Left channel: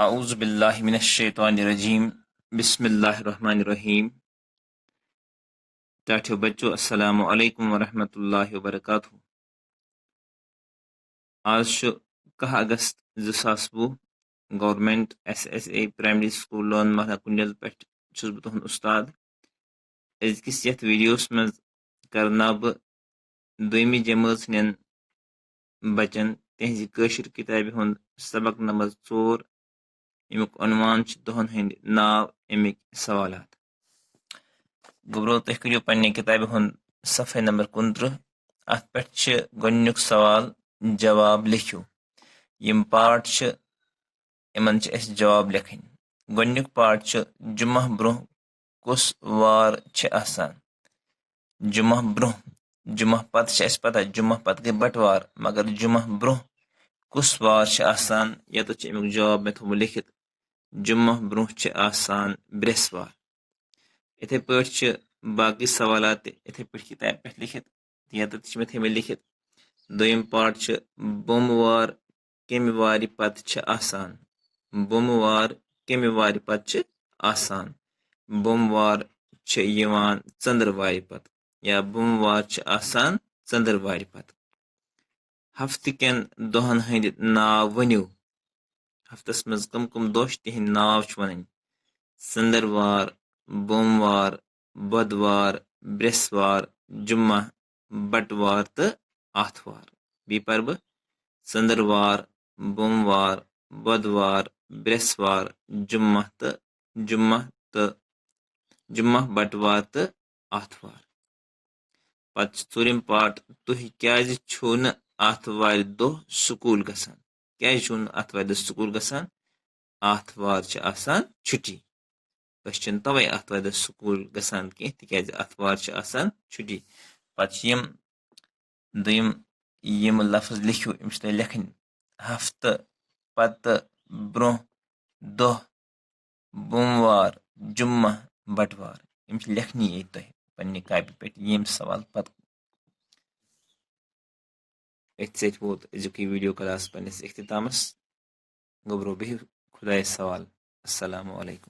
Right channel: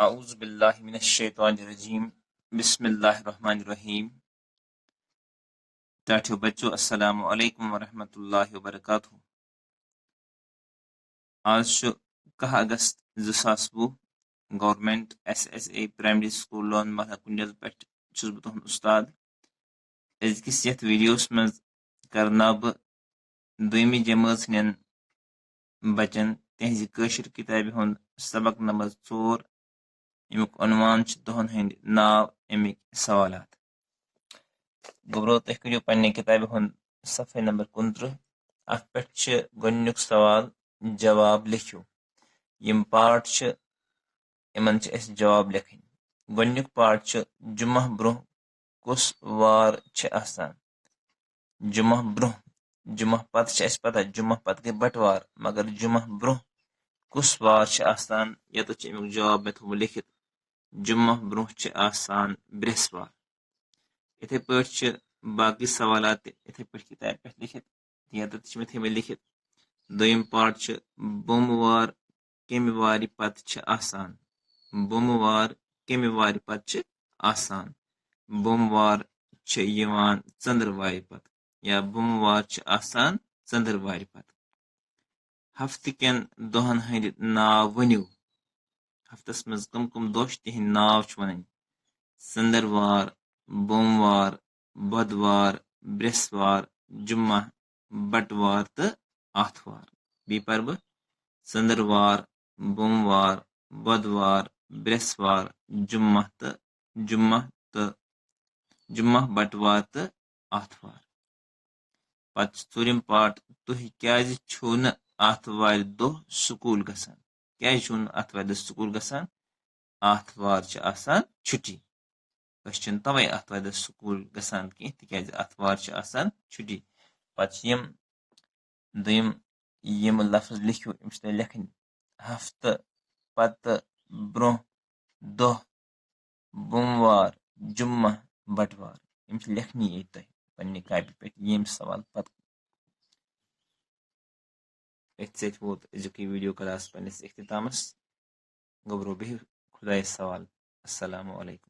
A'udzu billahi mineşşeytanirracim. Bismillahirrahmanirrahim. साथियों बच्चों अस्सलामु अलैकुम व रहमतुल्लाहि व बरकातुहू। आज 10 अगस्त 2020 government SSA primary school loan महला कुंडल पे तुहद उस्ताद। अजकिस यथ वीडियोस मज करना बह दुयमी जमात हन बचन तहज कशिर किताब हुंद सबक नंबर 4 अमुक उन्वान दोहन हंद नाव अमिक सवालात। गोब्रो तुह करो पन्ने किताब हुंद सफ़े नंबर 29 अत पे गोनुक सवाल जवाब लिखो। यम पार्ट इमन जवाब लिखन। गोनुक पार्ट जुमा ब्रोह कुस वार आसान। जुमा ब्रोह जुमा पत पता जुमा पत गई बटवार मगर जुमा ब्रोह कुस वार आसान ये तो अमुक जवाब मे थो लिखित जुमा ब्रोह आसान ब्रेसवार। इथे पे बाकी सवालात इथे पे किताब पे लिखित या तो मे थे लिखित। दोयम पार्ट बोमवार कमि वारि पत आसान। बोमवार कमि वारि पत आसान। बोमवार चंद्र वारि पत या बोमवार आसान चंद्र वारि पत। हफ्त कन दोहन हंद नाव वनियो। हफ्तस मज कम कम दोह तिहंद नाव वन। चंद्रवार बोमवार बुधवार ब्रेसवार जुम्मा बटवार तो आथवार। बी पर बह चंद्रवार बोमवार बुधवार ब्रेसवार जुम्मा जुम्मा बटवार तो आथवार। पत चूरिम पार्ट तुह क्या आथवार दोह स्कूल गसान। क्या आथवार दोह स्कूल गसान आथवार आसान छुट्टी। तवे आथवार दोह स्कूल गसान कह तिकाज आथवार आसान छुट्टी। पत यम लफ्ज लिखो अम लिखन हफ्त पत ब्रोह दोह बोमवार जुम्मा बटवार यम लिखनी ये तुह पन्ने कापी पे यम सवाल पत। सत वोत अजुक वीडियो क्लास पन्निस इख्तितामस। गोब्रो बिहिव खुदायस सवाल। अस्सलामु अलैकुम।